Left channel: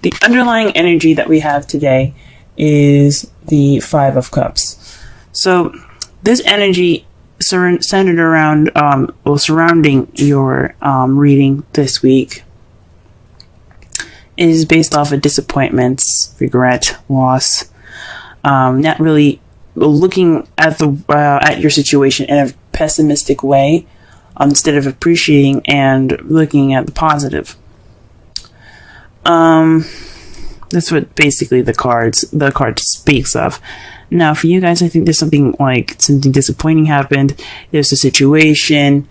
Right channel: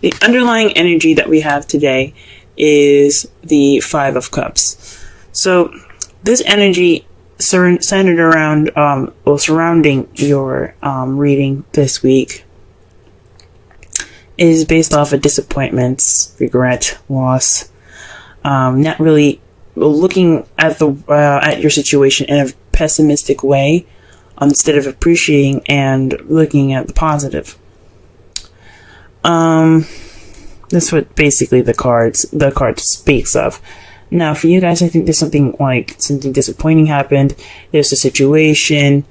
the underlying energy that we have today is the Five of Cups. So this energy centered around, surrounding your reading this week is based off of disappointments, regret, loss, not really looking at at your situation in a pessimistic way, instead of appreciating and looking at the positive. That's what basically the card speaks of. Now, for you guys, I think there's something disappointing happened. There's a situation,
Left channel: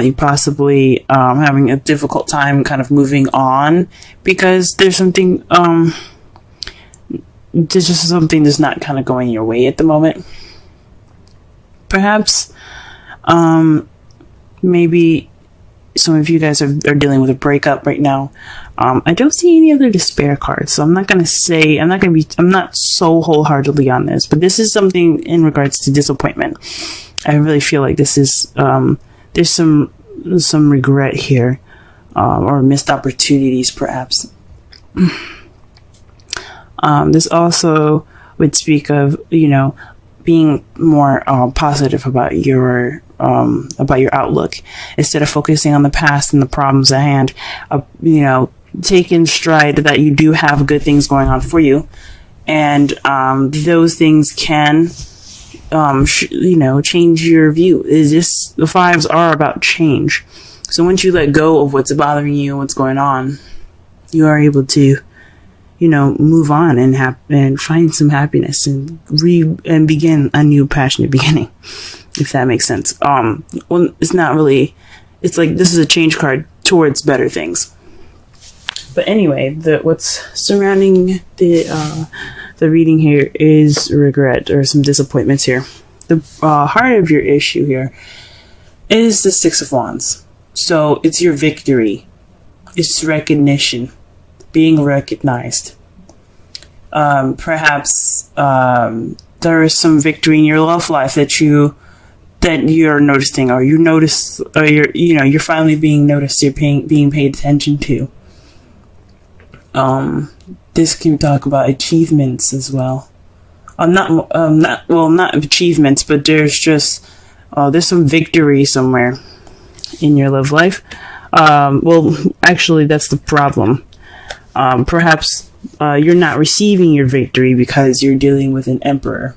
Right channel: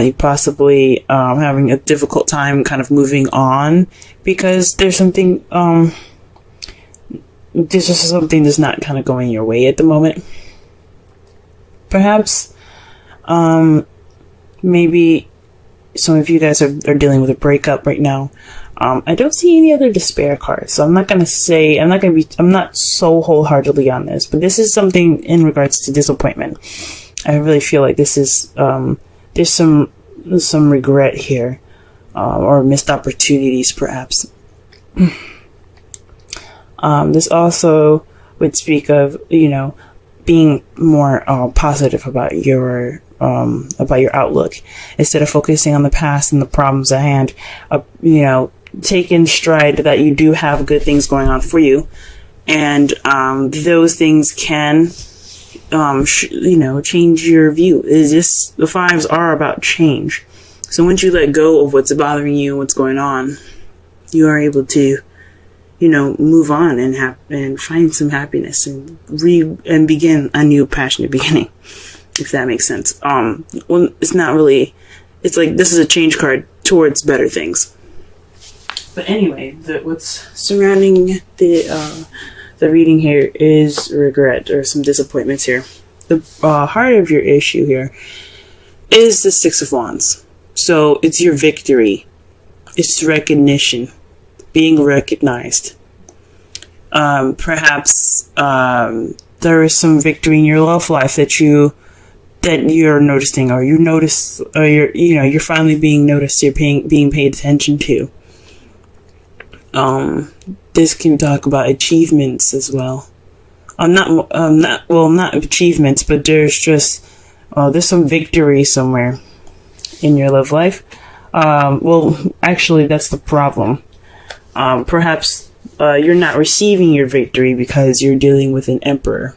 you possibly having a difficult time kind of moving on because there's something, there's just something that's not kind of going your way at the moment. Perhaps, maybe some of you guys are dealing with a breakup right now. I don't see any other despair cards, so I'm not so wholeheartedly on this, but this is something in regards to disappointment. I really feel like this is, there's some regret here, or missed opportunities perhaps. This also would speak of, being more positive about your outlook instead of focusing on the past and the problems at hand. Take in stride that you do have good things going on for you, and those things can, change your view. The fives are about change. So once you let go of what's bothering you, what's going on, you are able to, move on and find some happiness and begin a new passionate beginning, if that makes sense. Well, it's not really. It's like this is a change card towards better things. But anyway, what's surrounding the reading here is regret or some disappointments here. The heart of your issue here is the Six of Wands. So it's your victory. It's recognition. Being recognized. Perhaps there is some victory in your love life that you're noticing, or you're finally being noticed. You're being paid attention to. This can talk about achievements as well. Not achievements, but there's just there's some victory somewhere in your love life. Actually, that's the problem. Perhaps you're not receiving your victory because you're dealing with an emperor.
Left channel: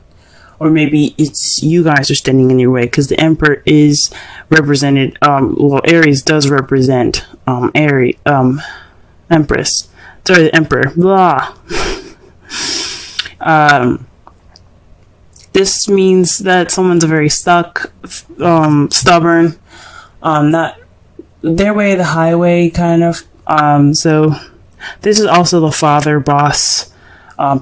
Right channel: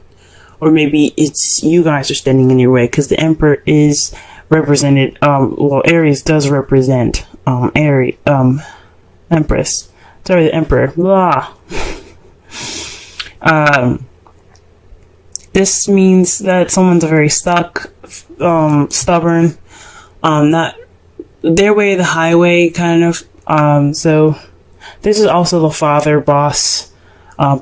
Or maybe it's you guys are standing in your way, because the emperor is represented, Aries does represent Empress. Sorry, the emperor. Blah. This means that someone's very stuck, stubborn, not their way of the highway, kind of. So this is also the father, boss,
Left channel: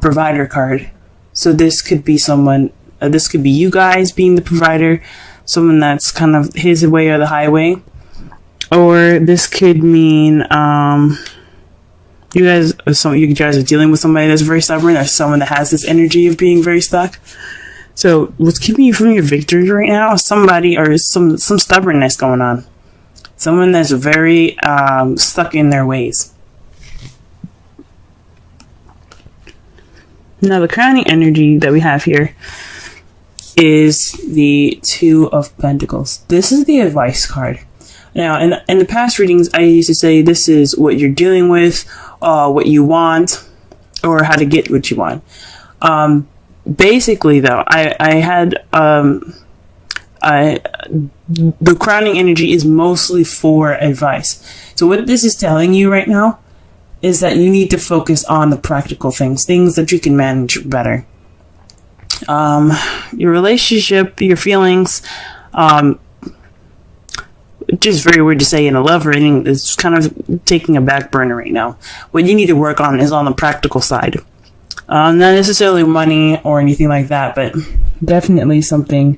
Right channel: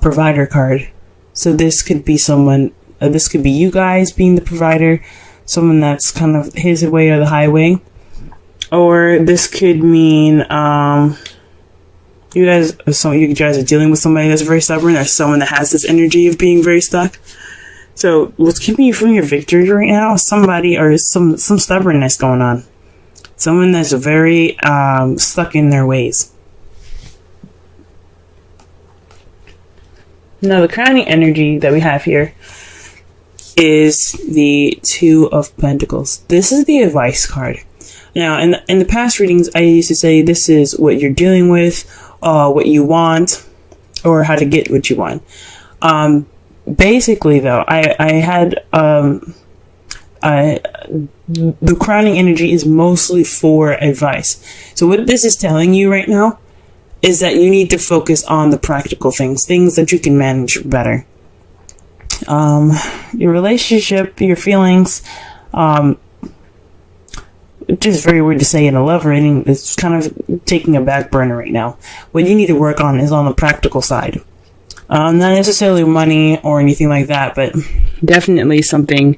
provider card. So this could be someone, this could be you guys being the provider, someone that's kind of his way or the highway. Or this could mean, you guys are dealing with somebody that's very stubborn, or someone that has this energy of being very stuck. So what's keeping you from your victory right now is somebody or some stubbornness going on. Someone that's very stuck in their ways. Now the crowning energy that we have here is the Two of Pentacles. This is the advice card. Now, in the past readings, I used to say this is what you're dealing with, what you want, or how to get what you want. Basically, though, the crowning energy is mostly for advice. So what this is telling you right now is that you need to focus on the practical things that you can manage better. Your relationship, your feelings, just very weird to say in a love reading, it's kind of taking a back burner right now. What you need to work on is on the practical side. Not necessarily money or anything like that, but definitely something,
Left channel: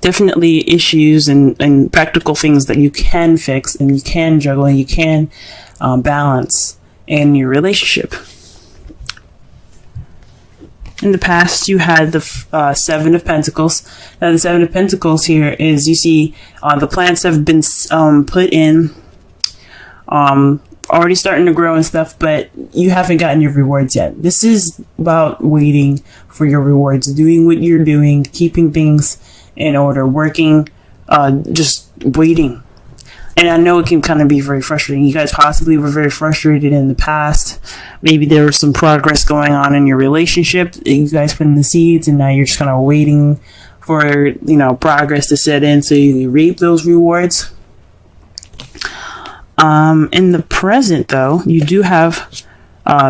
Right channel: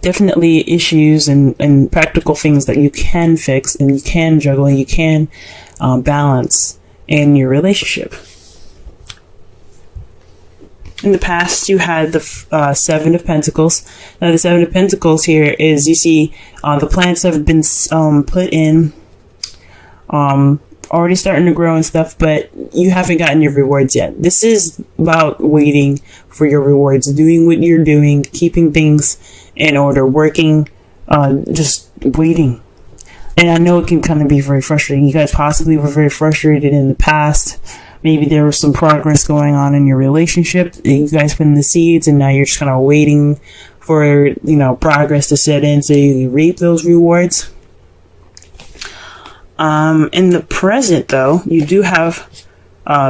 definitely issues and practical things that you can fix and you can juggle and you can balance in your relationship. In the past, you had the Seven of Pentacles. Now, the Seven of Pentacles here is, you see, the plants have been put in already starting to grow and stuff, but you haven't gotten your rewards yet. This is about waiting for your rewards, doing what you're doing, keeping things in order, working, just waiting. And I know it can kind of be very frustrating. You guys possibly were very frustrated in the past. Maybe there was some progress going on in your relationship. You guys put in the seeds, and now you're just kind of waiting for, progress to set in so you reap those rewards. In the present, though, you do have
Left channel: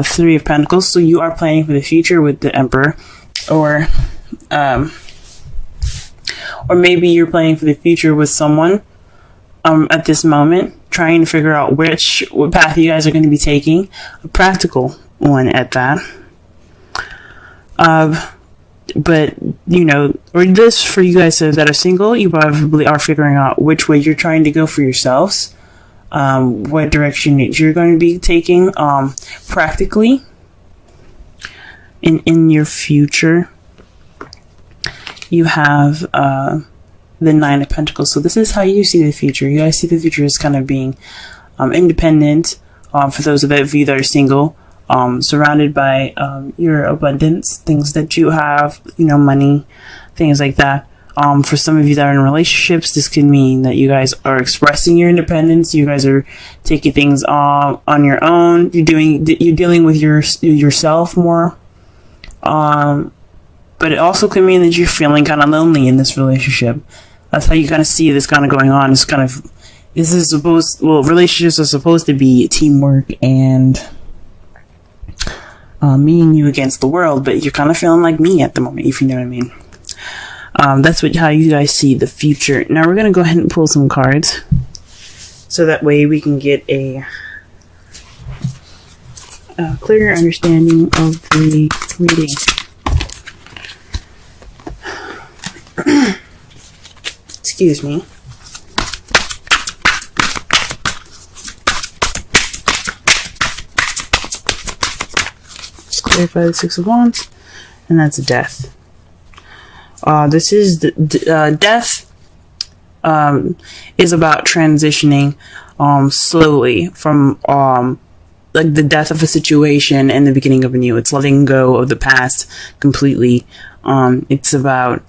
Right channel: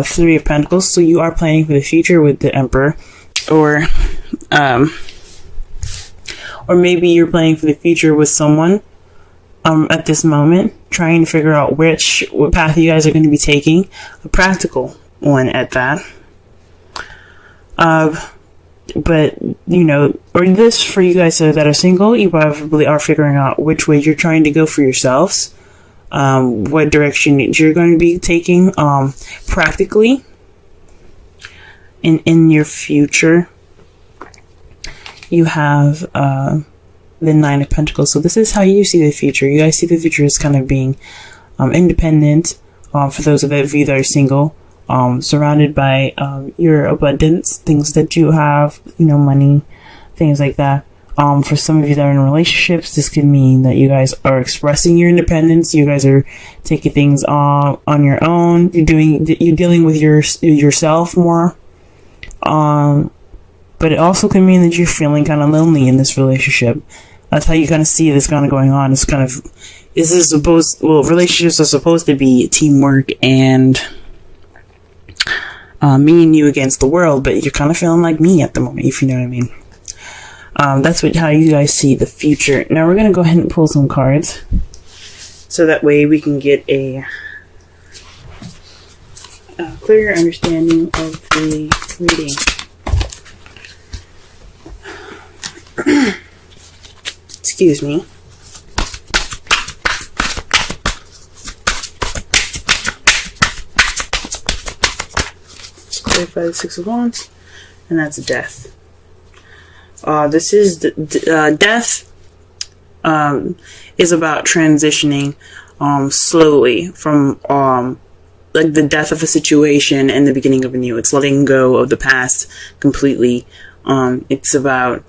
Three of Pentacles, so you are planning for the future with the Emperor, or maybe you're planning for the future with someone at this moment, trying to figure out what path you guys are going to be taking, a practical one at that. But, or this for you guys that are single, you probably are figuring out which way you're trying to go for yourselves. What direction you're going to be taking practically in your future. You have the Nine of Pentacles. So this is how you see the future. You guys see the future as kind of being independent, for those of you that are single, surrounded by your abundance, things that you have, money, things like that. For some of you that are in relationships, this can mean that you guys are expressing your independence. You guys are taking things on your own. You're dealing with yourself more. But it also can mean that you're feeling kind of lonely in this relationship. That's how you kind of see this kind of going on. It's kind of, relationships are supposed to be teamwork and me and you against the world, but you're kind of feeling like me at the moment, if you know what I mean. That's how you guys see the future. Now we're going to go ahead and pull some cards, so that way we can get a clearer understanding of the reading. Excuse me. Just clarify the Six of Wands, and that's Death. This is death. Is about transitioning slowly from like the death of a situation and the beginning of a new. It's letting go of the past completely. It's about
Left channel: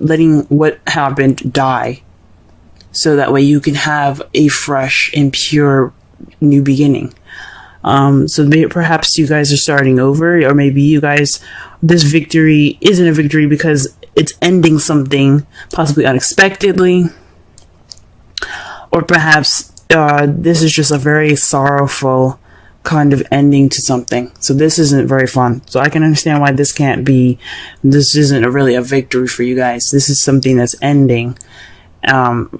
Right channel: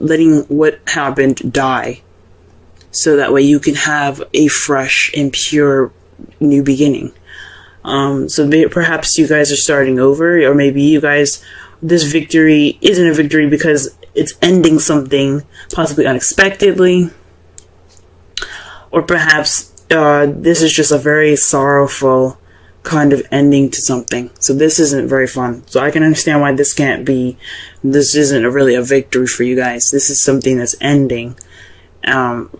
letting what happened die, so that way you can have a fresh and pure new beginning. So perhaps you guys are starting over, or maybe you guys, this victory isn't a victory because it's ending something possibly unexpectedly, or perhaps this is just a very sorrowful kind of ending to something. So this isn't very fun. So I can understand why this isn't really a victory for you guys. This is something that's ending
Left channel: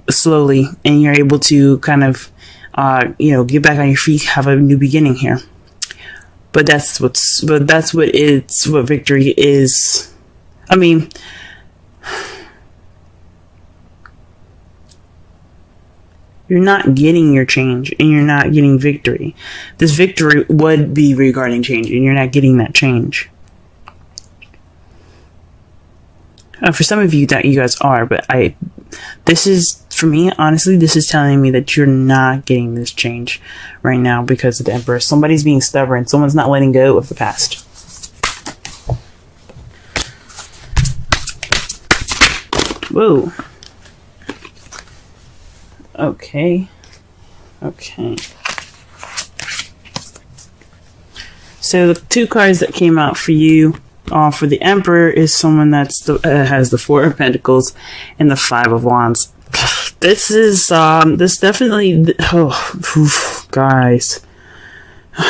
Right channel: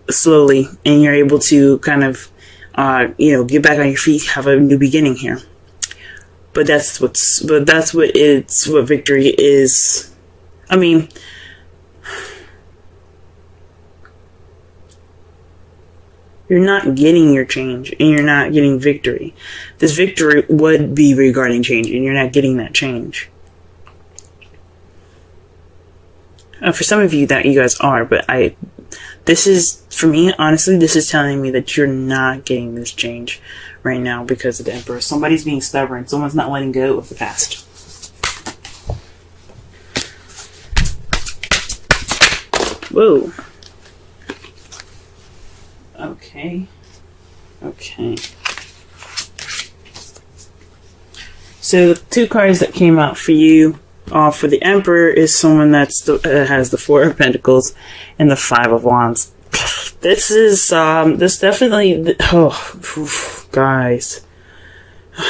slowly, and you're able to kind of get back on your feet, have a new beginning here. But that's what victory is. I mean, you're not getting your change, and you're not getting victory. This victory would be regarding change, and you're not getting that change. For some of you that you guys are, but this is, for me, honestly, this is telling me that you're not getting this change right now because of the Emperor. Somebody's being stubborn. Someone's not letting go of the past. Whoa. Okay. So the two cards that came out for you, for the Emperor, is someone that has the Four of Pentacles and the Five of Wands. This is this definitely, guys,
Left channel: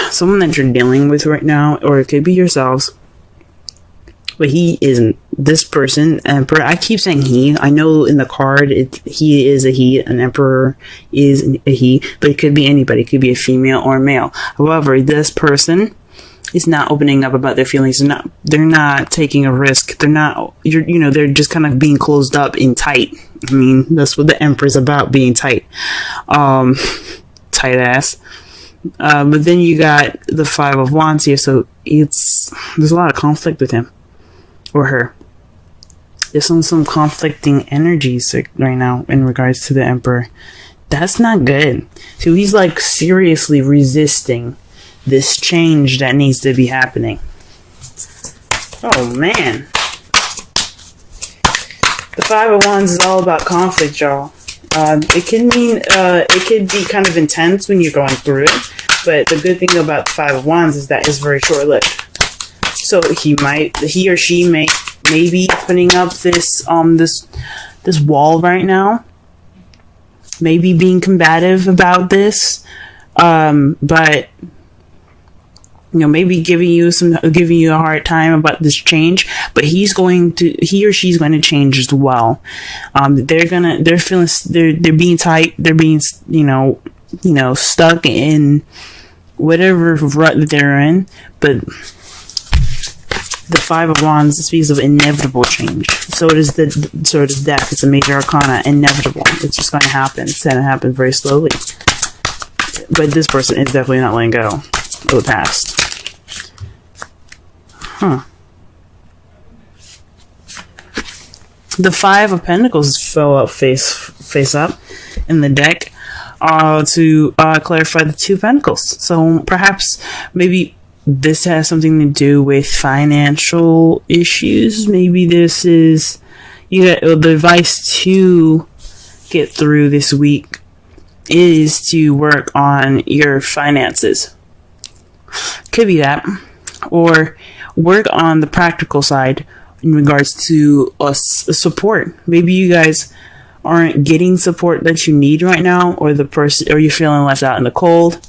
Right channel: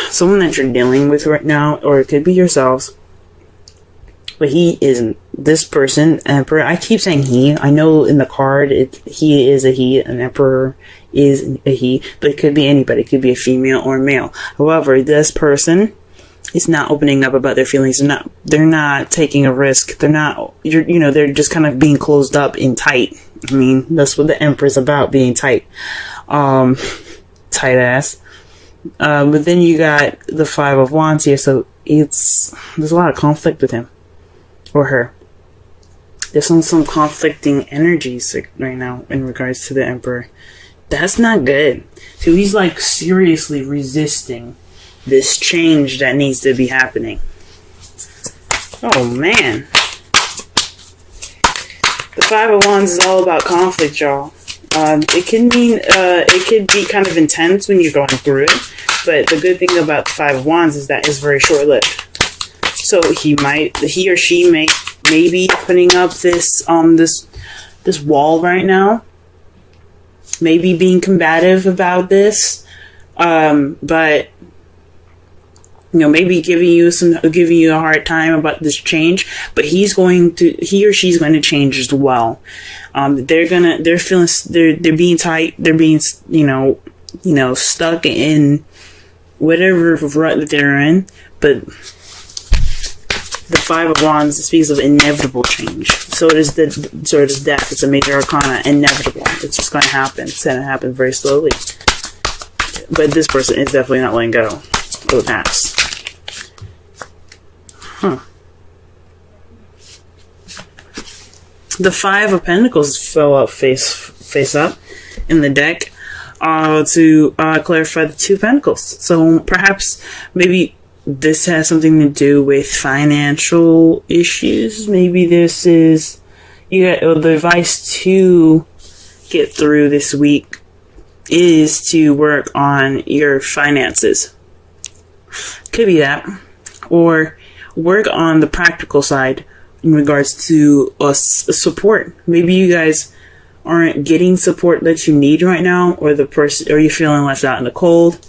someone that you're dealing with right now, or it could be yourselves. But he isn't. This person, Emperor, I keep saying he. I know in the card, he is a he. An Emperor is a he. But it could be anybody. It could be a female or a male. However, this person is not opening up about their feelings. They're not taking a risk. They're just kind of being closed up and tight. I mean, that's what the Emperor's about, being tight. Tight ass. But then you got the Five of Wands here, so there's a lot of conflict with him. Or her. There's some conflicting energies right now in regards to the Emperor. That's not good. So he's like seriously resisting this change that needs to be happening. Oh man. The Five of Wands is all about conflict, y'all. It could be kind of intense when you're going through it, but the good thing about the Five of Wands is that it's very short-lived. So he or she may be putting up this wall right now, maybe being combative about this, but maybe giving you a hard time about this change, but he or she's going to change as well. They're being tight, they're being, stuck in whatever rut that they're in, but the Five of Wands speaks of inevitable change. So does death. It's a major arcana, inevitable. It's just going to happen. It's going to happen very slowly. But this person is definitely not letting go of the past. The Five of Pentacles fell out face up in the deck to clarify the Two of Pentacles. So perhaps maybe this has something to do with financial issues. Maybe this is the advice to get through this week is to work on your finances. Could be that, or work on the practical side in regards to support. Maybe you guys aren't getting support that you need right now, or you're feeling left out in the cold.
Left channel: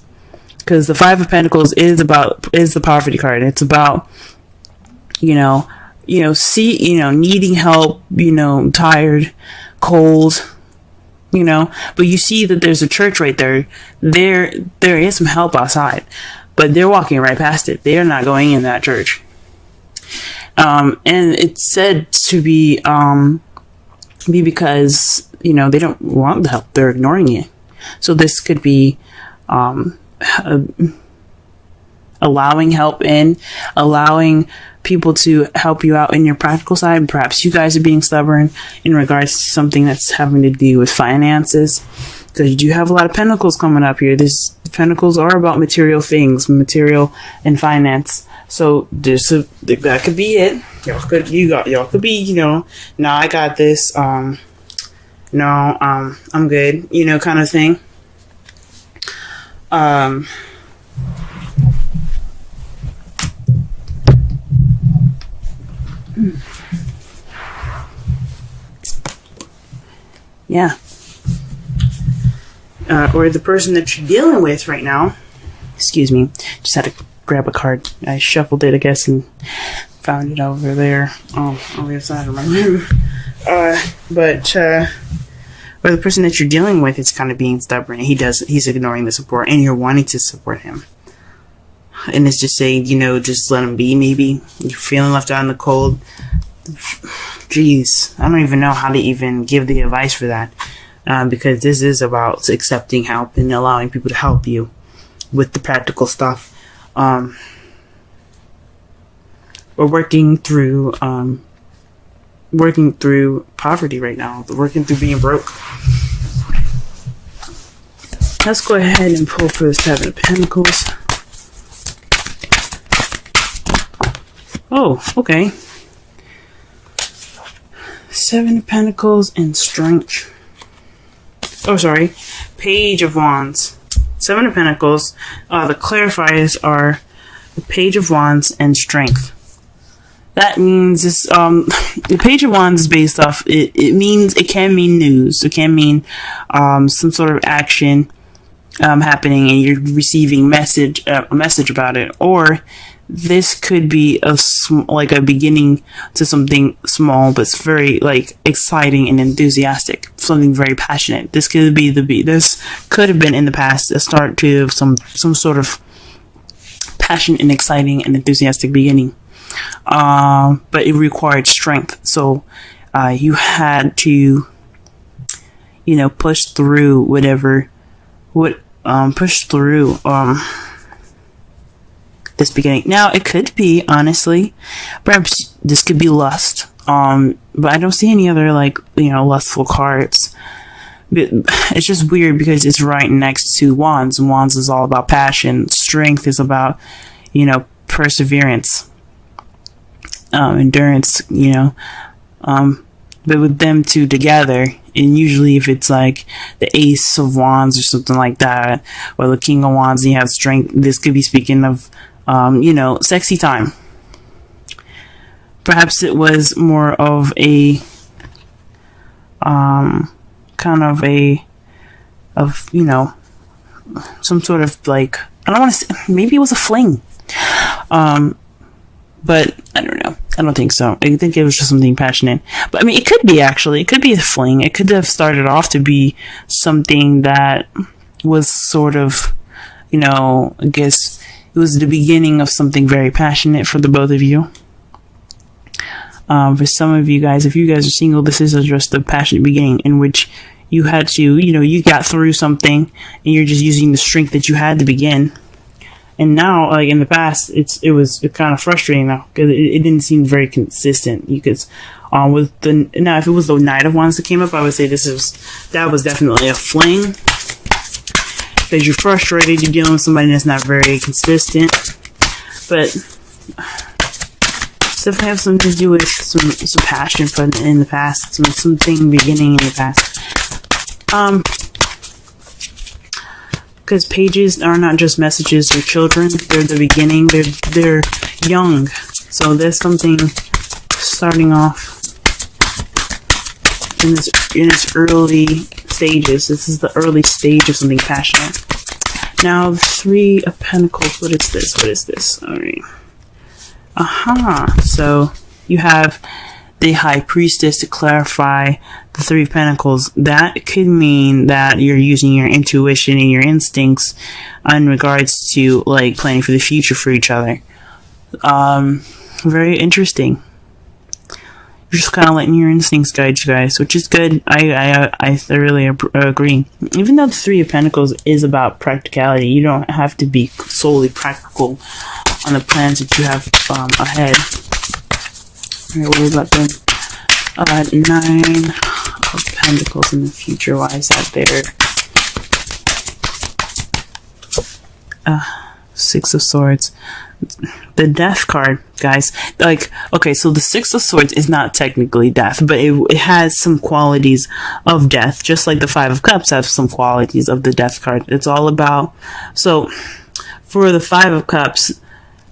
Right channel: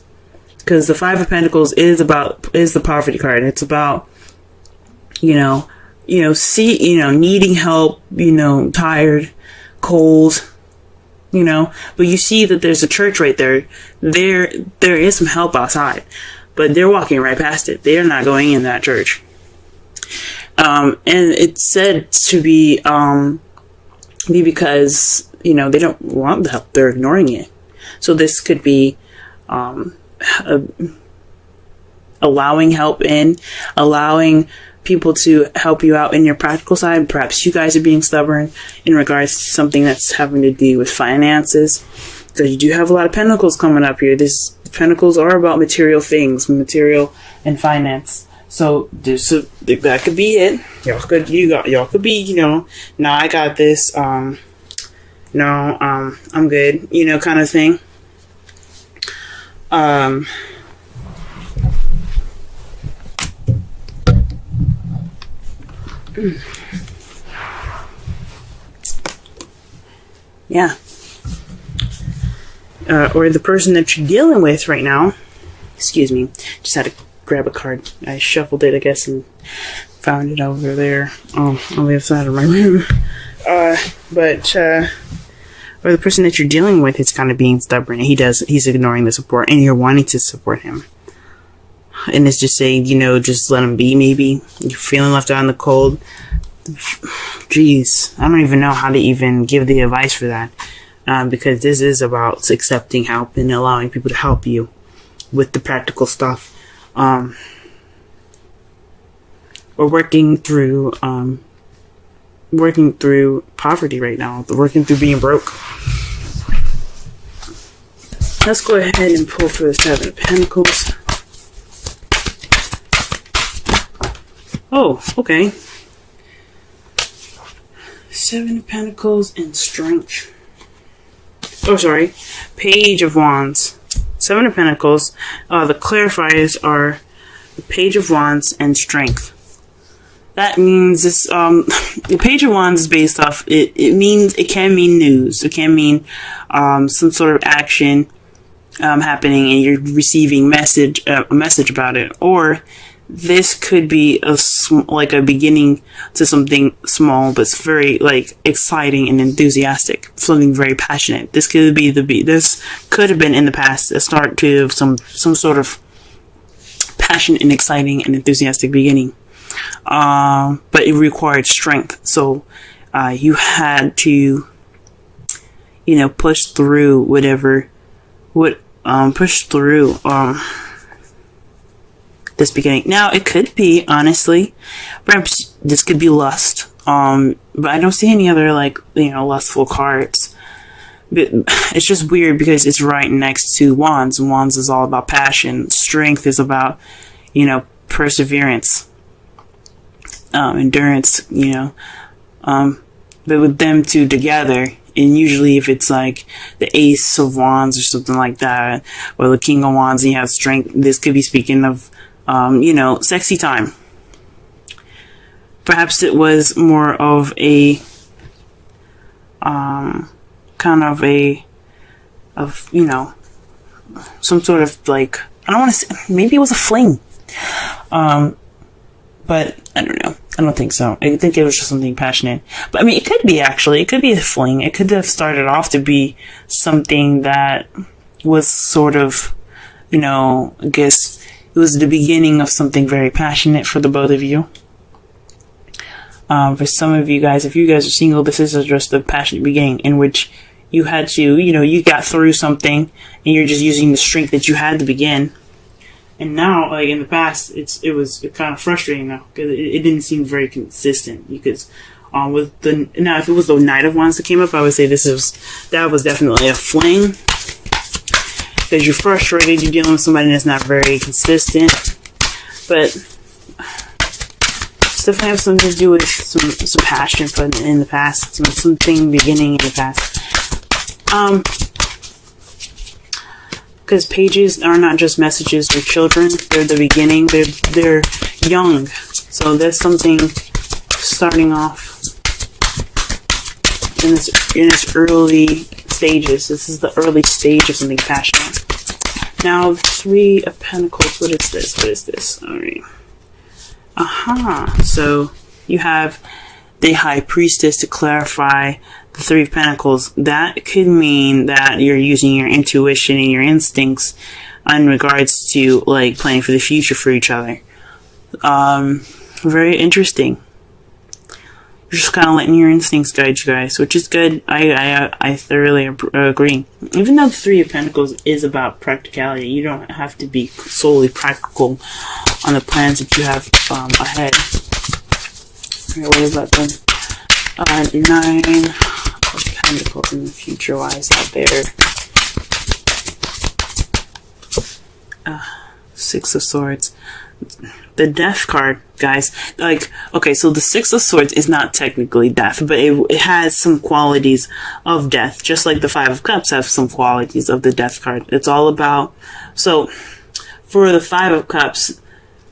Because the Five of Pentacles is the poverty card. It's about needing help, tired, cold, but you see that there's a church right there. There is some help outside, but they're walking right past it. They're not going in that church. And it's said to be because, they don't want the help. They're ignoring it. So this could be, allowing help in, allowing people to help you out in your practical side. Perhaps you guys are being stubborn in regards to something that's having to do with finances, because you do have a lot of pentacles coming up here. Pentacles are about material things, material and finance. So that could be it. Y'all could be, no, I got this. I'm good, kind of thing. Yeah. Or the person that you're dealing with right now. Excuse me. Just had to grab a card. I shuffled it, I guess, and found it over there on the other side of my room. Or the person that you're dealing with is kind of being stubborn. He's ignoring the support, and you're wanting to support him. And it's just saying, just let him be, maybe. You're feeling left out in the cold. Jeez, I don't even know how to even give the advice for that. Because this is about accepting help and allowing people to help you with the practical stuff. We're working through poverty right now. Working through being broke. Let's go ahead and pull for the Seven of Pentacles. Oh, okay. Seven of Pentacles and Strength. Oh, sorry. Page of Wands. Seven of Pentacles. The clarifiers are the Page of Wands and Strength. That means this, the Page of Wands is based off, it can mean news. It can mean some sort of action happening and you're receiving a message about it. Or this could be like a beginning to something small, but it's very exciting and enthusiastic, something very passionate. This could have been in the past a start to some sort of passionate and exciting and enthusiastic beginning. But it required strength. So you had to, push through push through this beginning. Now, it could be, honestly, perhaps this could be lust, but I don't see any other, lustful cards. it's just weird because it's right next to Wands. Wands is all about passion. Strength is about, perseverance, endurance, but with them two together, and usually if it's like the Ace of Wands or something like that, or the King of Wands, and you have strength, this could be speaking of, sexy time. Perhaps it was more of a, some sort of like, I don't want to say, maybe it was a fling. But I don't know. I don't think so. I think it was just something passionate. But I mean, it could be actually. It could be a fling. It could have started off to be something that was sort of, I guess it was the beginning of something very passionate for the both of you. For some of you guys, if you guys are single, this is just a passionate beginning in which you had to, you got through something and you're just using the strength that you had to begin. And now, like in the past, it was kind of frustrating now because it didn't seem very consistent. Because if it was the Knight of Wands that came up, I would say that was definitely a fling. Because you're frustrated, you're dealing with somebody that's not very consistent. But it's definitely have something to do with some passion in the past, something beginning in the past. Because pages are not just messages for children, they're the beginning, they're young. So there's something starting off in its early stages. This is the early stage of something passionate. Now, Three of Pentacles, what is this? Alright. So you have the High Priestess to clarify the Three of Pentacles. That could mean that you're using your intuition and your instincts in regards to like planning for the future for each other. Very interesting. You're just kind of letting your instincts guide you guys, which is good. I thoroughly agree. Even though the Three of Pentacles is about practicality, you don't have to be solely practical on the plans that you have ahead. Alright, what about them? Nine of Pentacles in the future. Why is that there? Six of Swords. The Death card, guys. Like, okay, so the Six of Swords is not technically death, but it has some qualities of death, just like the Five of Cups have some qualities of the Death card. It's all about, so for the Five of Cups,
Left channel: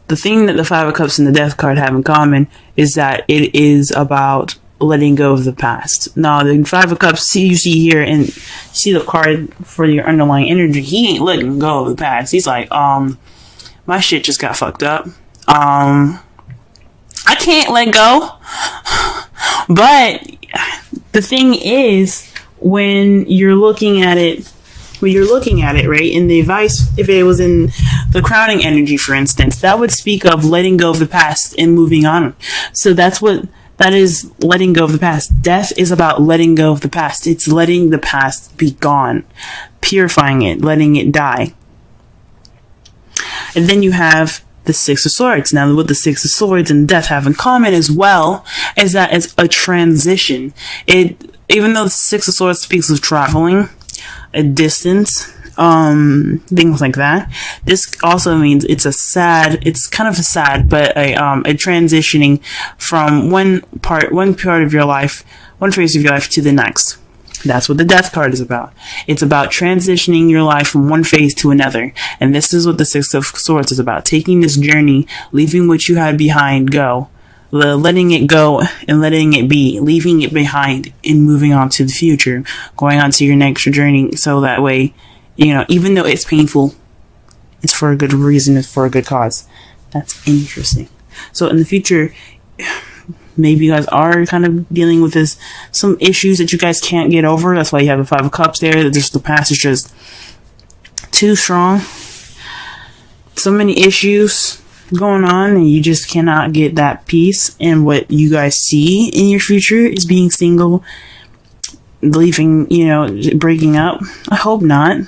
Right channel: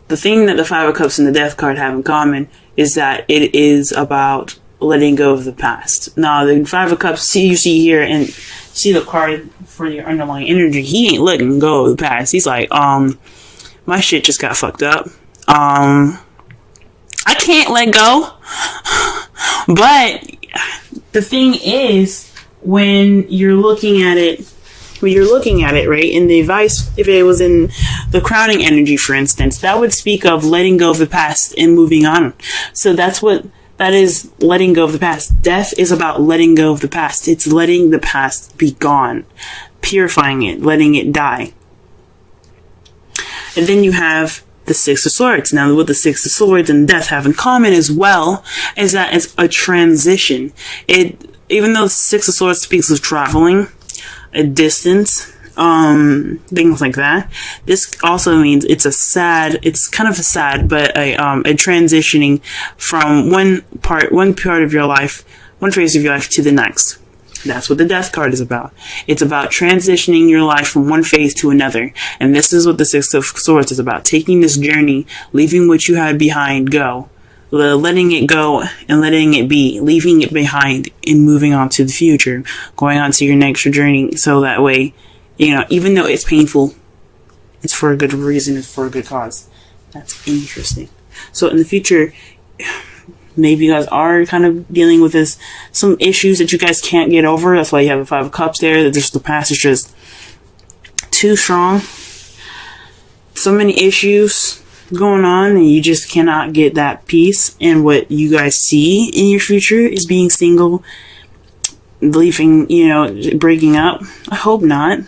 the thing that the Five of Cups and the Death card have in common is that it is about letting go of the past. Now, the Five of Cups, you see here, and see the card for your underlying energy, he ain't letting go of the past. He's like, my shit just got fucked up. I can't let go. But the thing is, when you're looking at it, right, in the advice, if it was in the crowning energy, for instance, that would speak of letting go of the past and moving on. So that is letting go of the past. Death is about letting go of the past. It's letting the past be gone, purifying it, letting it die. And then you have the Six of Swords. Now, what the Six of Swords and Death have in common as well is that it's a transition. Even though the Six of Swords speaks of traveling, a distance, things like that, this also means it's kind of a sad, but a transitioning from one part of your life, one phase of your life to the next. That's what the Death card is about. It's about transitioning your life from one phase to another. And this is what the Six of Swords is about. Taking this journey, leaving what you had behind go. Letting it go and letting it be. Leaving it behind and moving on to the future. Going on to your next journey. So that way, even though it's painful, it's for a good reason. It's for a good cause. That's interesting. So in the future, maybe you guys are kind of dealing with some issues that you guys can't get over. That's why you have the Five of Cups there. Just the past is just too strong. So many issues going on, and you just cannot get that peace. And what you guys see in your future is being single, leaving, breaking up. I hope not.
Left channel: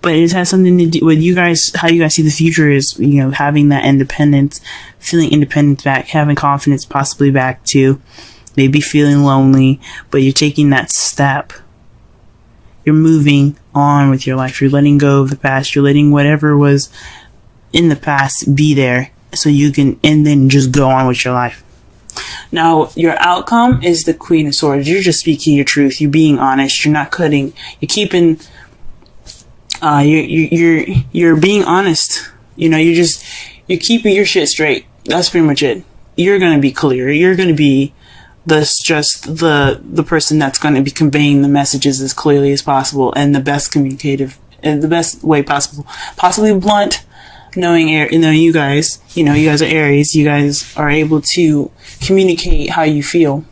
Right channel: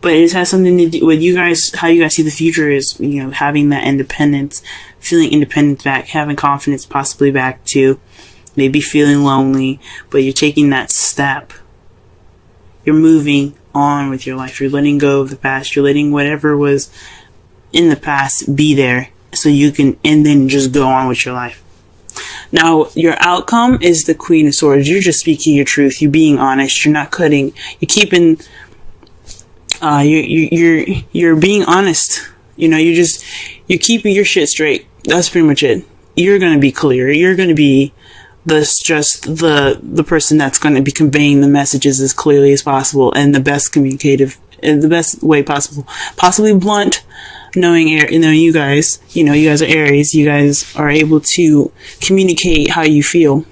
But it has something to do with you guys, how you guys see the future is, having that independence, feeling independent back, having confidence possibly back too, maybe feeling lonely, but you're taking that step You're moving on with your life. You're letting go of the past. You're letting whatever was in the past be there so you can, and then just go on with your life. Now, your outcome is the Queen of Swords. You're just speaking your truth. You're being honest. You're not cutting. You're keeping, you're being honest. You know, you're keeping your shit straight. That's pretty much it. You're going to be clear. You're going to be the person that's going to be conveying the messages as clearly as possible and the best communicative, the best way possible. Possibly blunt, knowing you guys are Aries. You guys are able to communicate how you feel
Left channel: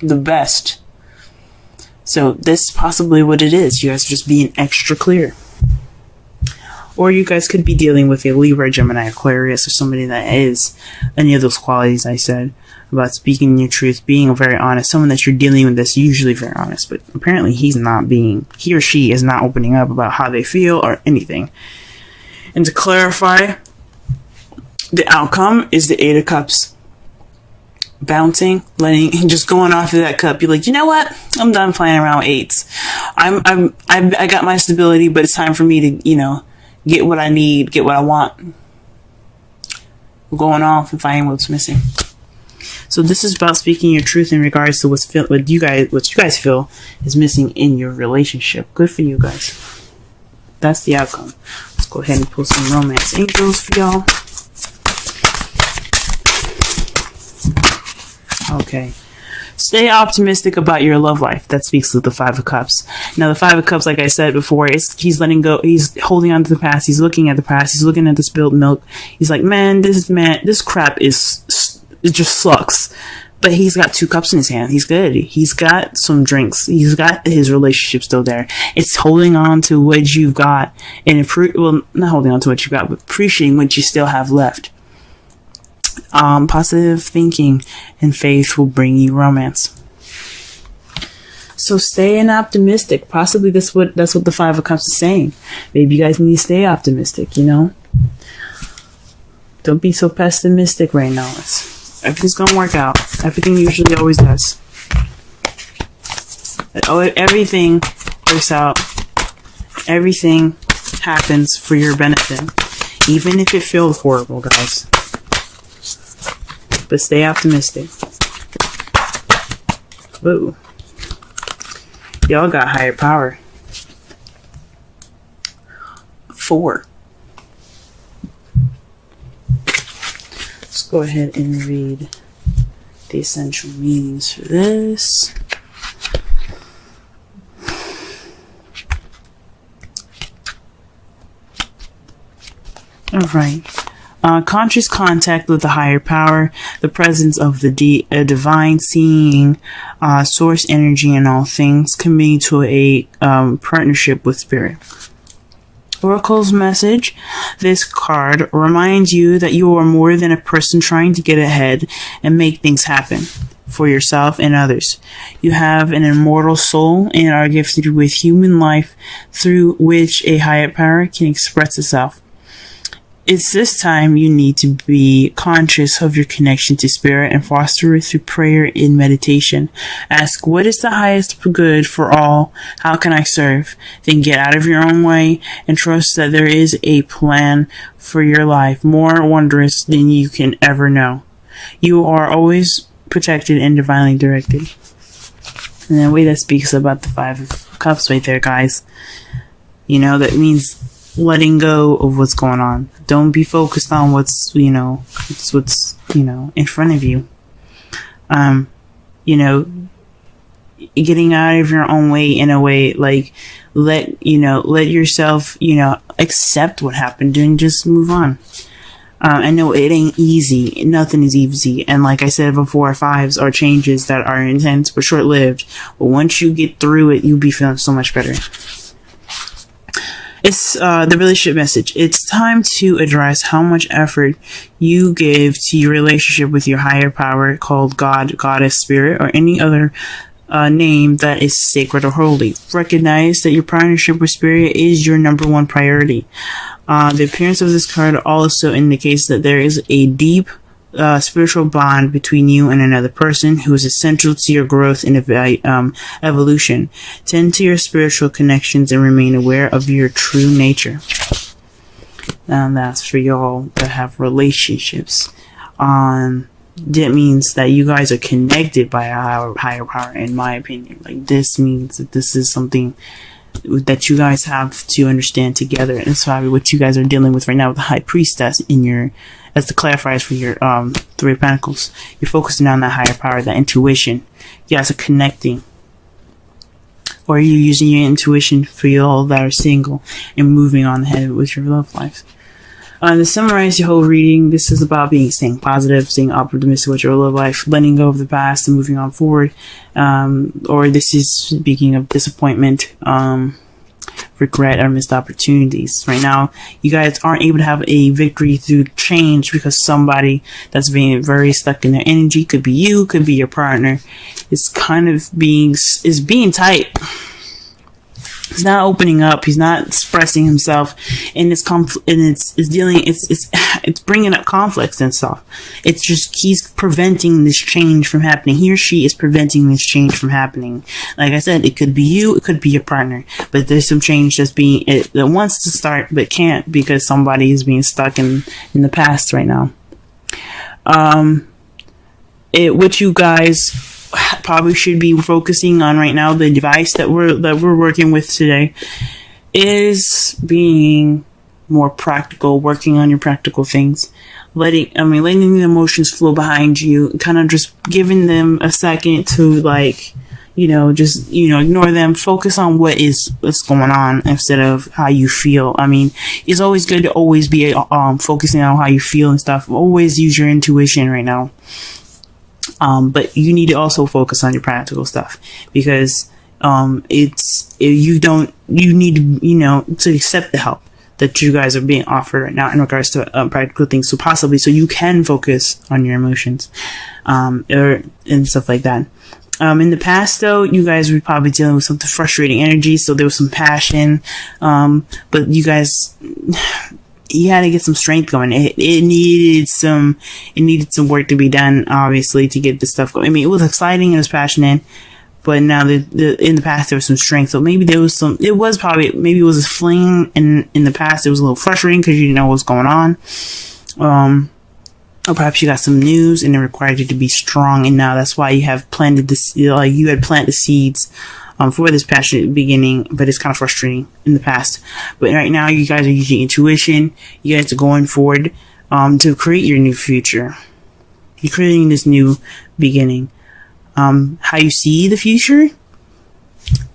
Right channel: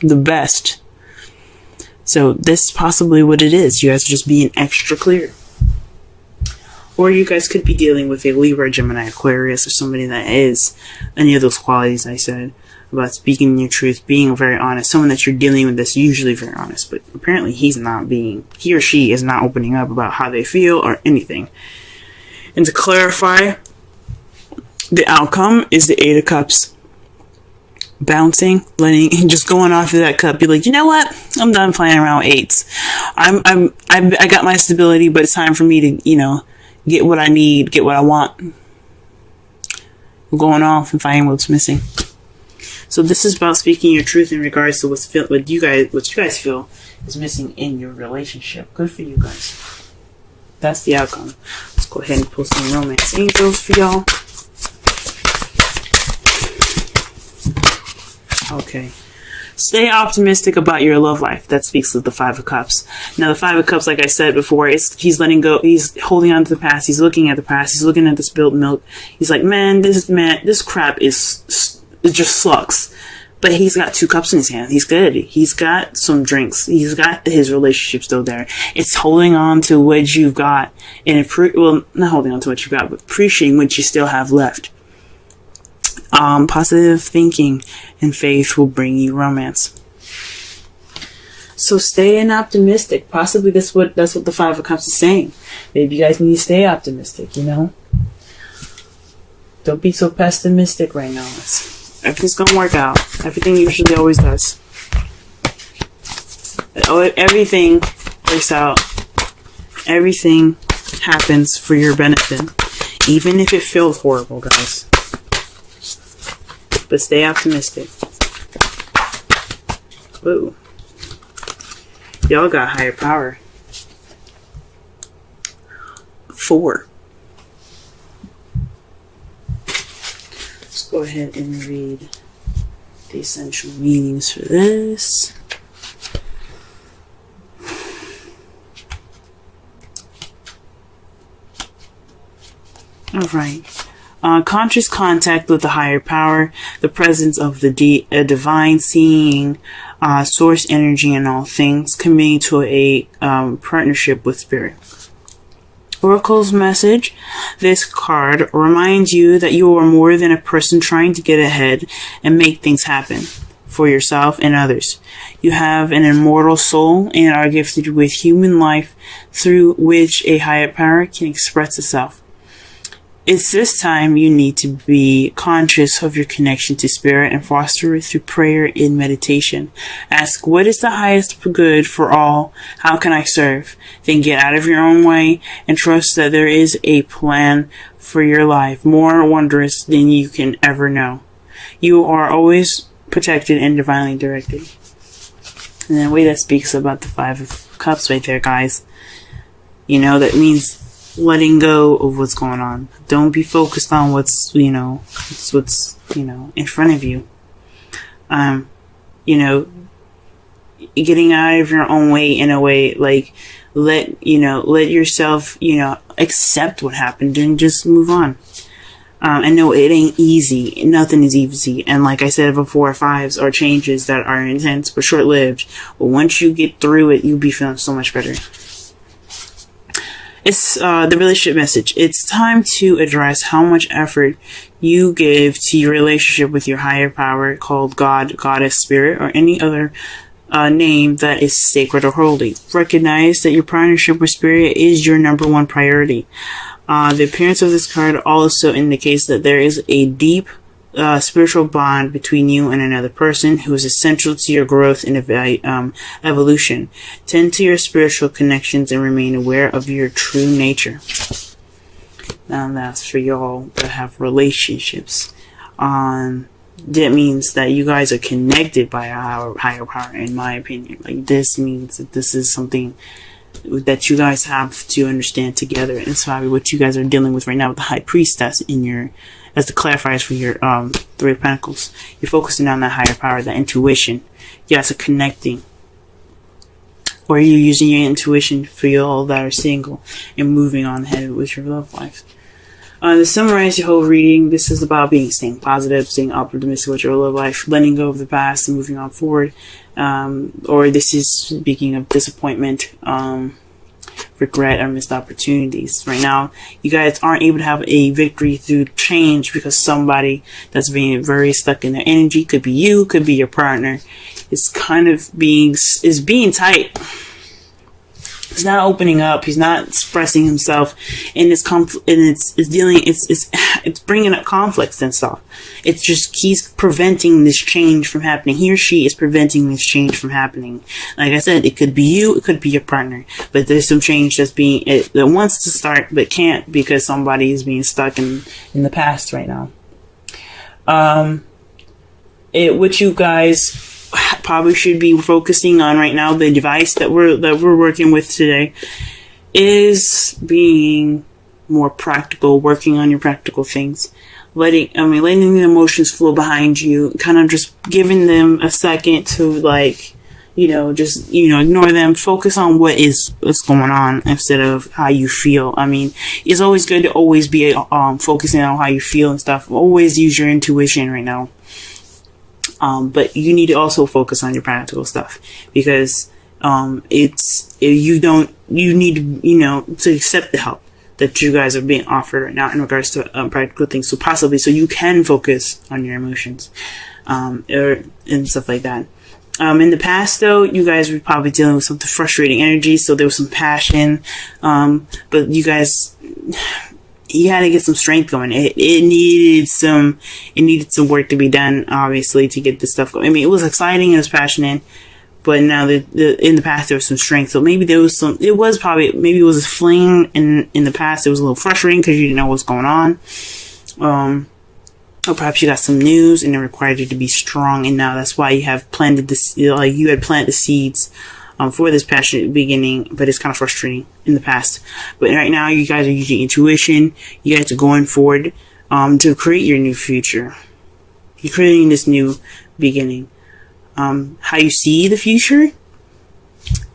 the best. So this is possibly what it is. You guys are just being extra clear. Or you guys could be dealing with a Libra, Gemini, Aquarius, or somebody that is any of those qualities I said about speaking your truth, being very honest. Someone that you're dealing with that's usually very honest, but apparently he or she is not opening up about how they feel or anything. And to clarify, the outcome is the Eight of Cups. Bouncing, and just going off of that cup. You're like, you know what? I'm done playing around with eights. I got my stability, but it's time for me to, get what I need, get what I want. I'm going off and finding what's missing. So this is about speaking your truth in regards to what you guys feel is missing in your relationship. Good for you guys. That's the outcome. Let's go ahead and pull some romance angels for y'all. Okay. Stay optimistic about your love life. That speaks of the Five of Cups. Now, the Five of Cups, like I said before, he's letting go. He's holding on to the past. He's looking at the past. He's looking at the spilled milk. He's like, this crap it just sucks. But he's got 2 cups in his hand. He's good. He's got some drinks. He's got his relationship still there. It's holding on to what you've got. And not holding on to what you got, but appreciating what you still have left. Positive thinking and faith will bring you romance. So staying optimistic. Possibly that's what the Five of Cups is saying. Maybe you guys need to stay optimistic, Don't be so pessimistic right now. Everything's gonna work out. Everything usually always does. Everything works out. Everything happens for your benefit. Even if it feels horrible, guys. But stay optimistic. Ooh. Y'all got higher power. 4. Let's go ahead and read the essential meanings for this. Alright. Conscious contact with the higher power, the presence of the divine, seeing source energy in all things, committing to a partnership with spirit. Oracle's message. This card reminds you that you are more than a person trying to get ahead and make things happen for yourself and others. You have an immortal soul and are gifted with human life through which a higher power can express itself. It's this time you need to be conscious of your connection to spirit and foster it through prayer and meditation. Ask, what is the highest good for all? How can I serve? Then get out of your own way and trust that there is a plan for your life more wondrous than you can ever know. You are always protected and divinely directed. And the way that speaks about the Five of Cups right there, guys. That means letting go of what's going on. Don't be focused on what's in front of you. Getting out of your own way in a way, like, let yourself, accept what happened and just move on. I know it ain't easy. Nothing is easy. And like I said before, 5s are changes that are intense but short-lived. But once you get through it, you'll be feeling so much better. It's the relationship message. It's time to address how much effort you give to your relationship with your higher power, called God, Goddess, Spirit, or any other name that is sacred or holy. Recognize that your partnership with Spirit is your number 1 priority. The appearance of this card also indicates that there is a deep spiritual bond between you and another person who is essential to your growth and evolution. Tend to your spiritual connections and remain aware of your true nature. And that's for y'all that have relationships. That means that you guys are connected by a higher power, in my opinion. Like, this means that this is something that you guys have to understand together. And it's probably what you guys are dealing with right now with the High Priestess in your, as the clarifiers for your Three of Pentacles. You're focusing on that higher power, that intuition. You guys are connecting. Or you're using your intuition for y'all that are single and moving on ahead with your love life. To summarize your whole reading, this is about staying positive, staying optimistic with your love life, letting go of the past and moving on forward. Or this is speaking of disappointment, regret, or missed opportunities. Right now, you guys aren't able to have a victory through change because somebody that's being very stuck in their energy, could be you, could be your partner, is kind of being tight. He's not opening up. He's not expressing himself, and it's bringing up conflicts and stuff. It's just he's preventing this change from happening. He or she is preventing this change from happening. Like I said, it could be you, it could be your partner, but there's some change that wants to start but can't because somebody is being stuck in the past right now. What you guys probably should be focusing on right now, the device that we're working with today, is being more practical, working on your practical things, letting the emotions flow behind you, kind of just giving them a second to ignore them, focus on what's going on instead of how you feel. It's always good to always be focusing on how you feel and stuff. Always use your intuition right now. But you need to also focus on your practical stuff because you need to accept the help that you guys are being offered right now in regards to practical things. So you can focus on your emotions and stuff like that. In the past, though, you guys were probably dealing with some frustrating energy, so there was some passion. But you guys, you had to get some strength going. It needed some work to be done, obviously, to get this stuff going. It was exciting, it was passionate, but now in the past there was some strength. So maybe maybe it was a fling, and in the past it was a little frustrating because you didn't know what's going on. Or perhaps you got some news and it required you to be strong, and now that's why you have planted you had planted the seeds for this passionate beginning, but it's kind of frustrating in the past. But right now, you guys are using intuition. You guys are going forward to create your new future. You're creating this new beginning. How you see the future?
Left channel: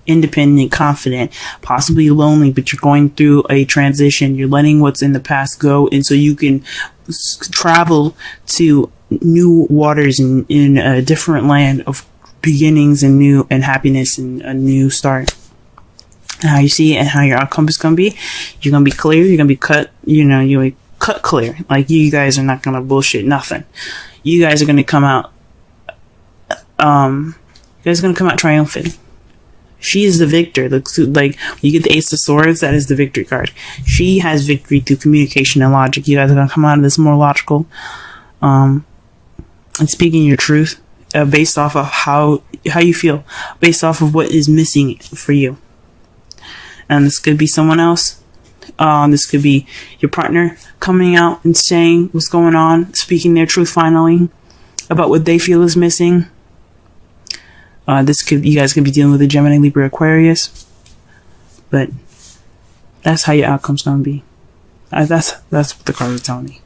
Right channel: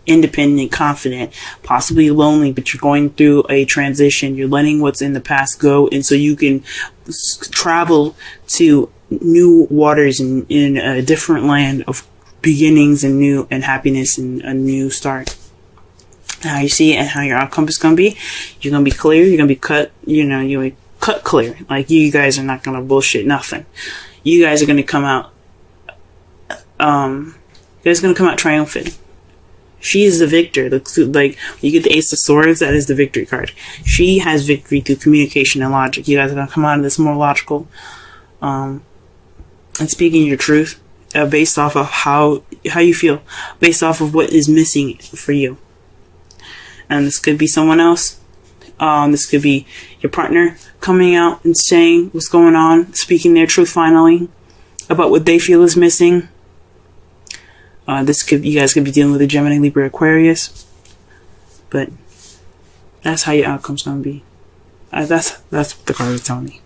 Independent, confident, possibly lonely, but you're going through a transition. You're letting what's in the past go, and so you can travel to new waters in a different land of beginnings and happiness and a new start. And how you see it and how your outcome is going to be, you're going to be clear, you're going to be cut, you're cut clear. Like, you guys are not going to bullshit nothing. You guys are going to come out, triumphant. She is the victor. Like, you get the Ace of Swords, that is the victory card. She has victory through communication and logic. You guys are going to come out of this more logical, and speaking your truth. Based off of how you feel, based off of what is missing for you. And this could be someone else. This could be your partner coming out and saying what's going on, speaking their truth finally about what they feel is missing. You guys could be dealing with a Gemini, Libra, Aquarius. But that's how your outcome's gonna be. That's what the cards are telling me.